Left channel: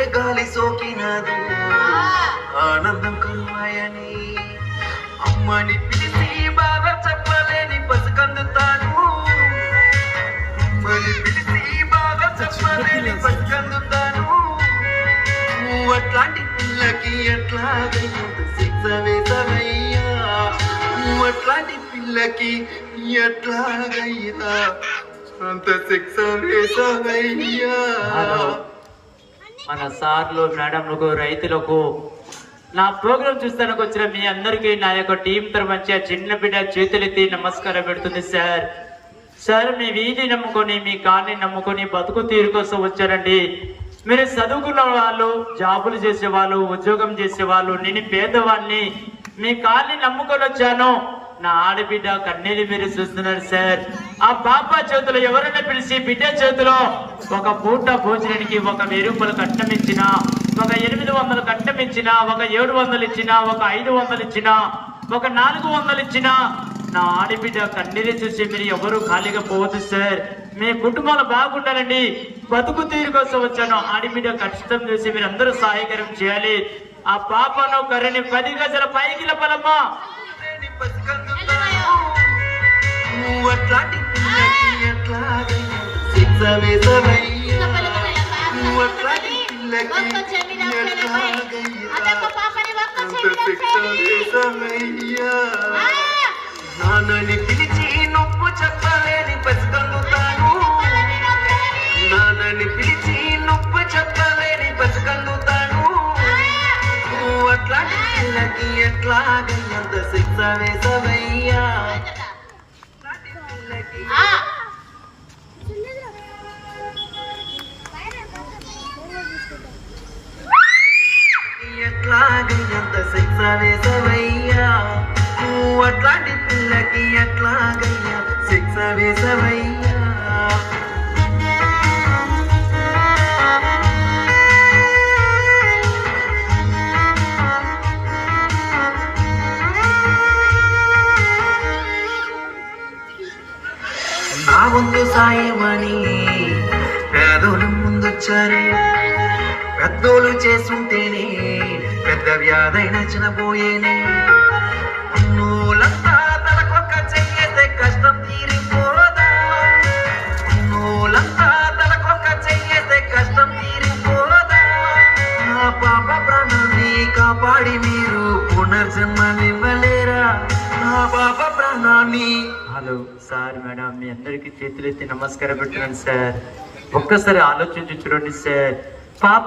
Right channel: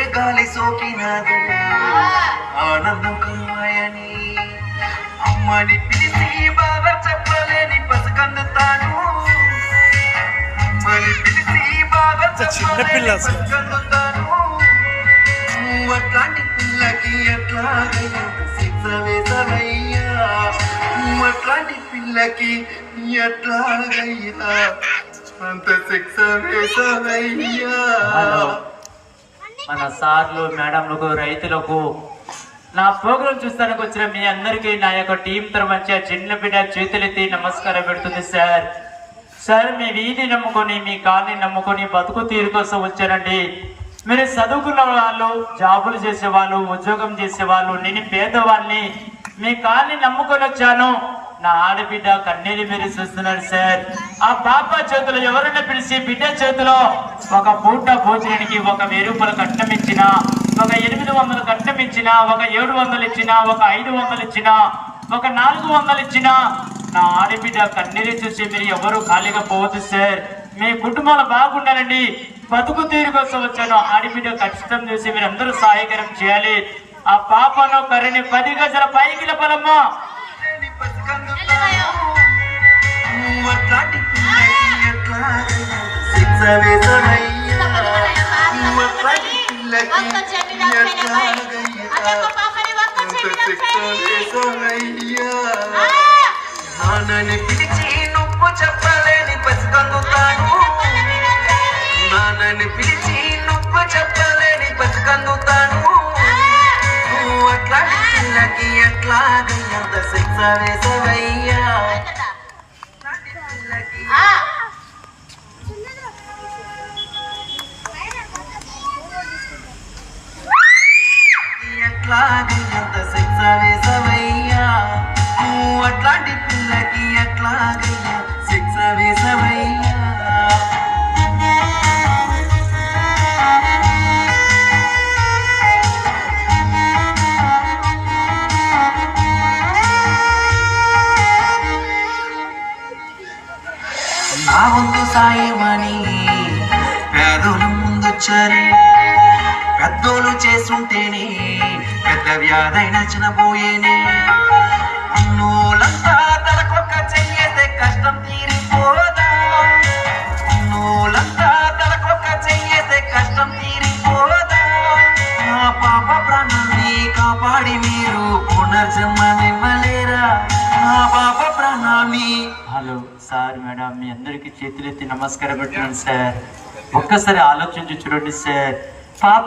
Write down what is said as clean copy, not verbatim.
ఏ గాలి సోకినదు ఆనందం కమ్మాయని అమ్మని పిలిచి బాగా చెప్పలేని పసికందుతాను అమ్మని పిలిచి బాగా చెప్పలేని పసికందుతాను నువ్వు అట్లాంటి పిల్లకి ఎట్లాగైనా శిక్ష వేసవయ్యా నువ్వు అట్లాంటి పిల్లకి ఎట్లాగైనా అంత శిక్ష వేసవయ్యా. మన సార్లు మేడంలకు రైతులకు నా ప్రోగ్రాం చూస్తానికి వచ్చిన మీ అందరికీ నా యొక్క టీం తరఫు చిన్న బిడ్డ చేతులెత్తి నమస్కారం పెడుతుంది సార్. సార్ మీ వీధి నమ్ముకొని మీ కాలనీ నమ్ముకొని బతుకు తీరు కోసం వచ్చారండి. మీరు చదువుకున్న వాళ్ళు, జాబులు చేసేవాళ్ళు, ఉద్యోగం చేసేవాళ్ళు, నేను పేదవాళ్ళని మీ కాలనీ నమ్ముకొని వచ్చాను. నా ఆడబిడ్డ కన్నీరు మీరు చూస్తున్నారు సార్. ఆ పాప చేతిలో ఎవరైనా పిలిచి బిడ్డ చేతిలో ఒక పూట భోజనానికి 1000 రూపాయలు కట్నం ఇచ్చినా, ఒక 800 కట్నం ఇచ్చినా, ఒక 700 ఇచ్చినా, ఒక 500 ఇచ్చినా, ఒక 400 ఇచ్చినా నా ఆడబిడ్డ కన్నీరు చూసి మీరు ఎవరు ఖాళీగా పోవద్దు సార్. మీ కుటుంబాలు బాగుండాలండి. బతుకు తీరు కోసం వచ్చాను. ఆడబిడ్డ ఖచ్చితం చేసి మీరు అందరూ సహాయకరం చేయాలి. ఆ పాపను కర్రని 10 గజాల పైకి లేపనమ్మా. నువ్వు అట్లాంటి పిల్లకి ఎట్లాగైనా శిక్ష వేసవయ్యా నువ్వు అట్లాంటి పిల్లకి ఎట్లాగైనా అంత శిక్ష వేసవయ్యా. నాన్నని పిలిచి నువ్వు చెప్పలేని పసికందుతాను నాన్నని పిలిచి నువ్వు చెప్పలేని పసికందుతాను నువ్వు అట్లాంటి పిల్లకి ఎట్లాగైనా అంత శిక్ష వేసవయ్యా. ఎట్లాగైనా అంత శిక్ష వేసవయ్యా నువ్వు అట్లాంటి పిల్లకి ఎట్లాగైనా శిక్ష వేసవయ్యా. నా ముందు సాయమని పేదోళ్ళు ముందొచ్చారే పెద్దోళ్ళు చేస్తుంటేనే పెద్ద వ్యాధైన చినబోయేనే నూలంతా తలకొక్క చెయ్యేస్తే కష్టం తీరిపోదా నూలంతా తలకొక్క చెయ్యేస్తే కష్టం తీరిపోదా నా పాప ప్రాణాన్ని కాపాడి మీరు పునర్జన్మనివ్వలేరా నా పాప ప్రాణాన్ని. హలో సార్, మేడం మీ అందరికీ చేతులెత్తి నమస్కారం పెట్టాను సార్. ఒక్కసారి ఆలోచించి చూడండి సార్. పాప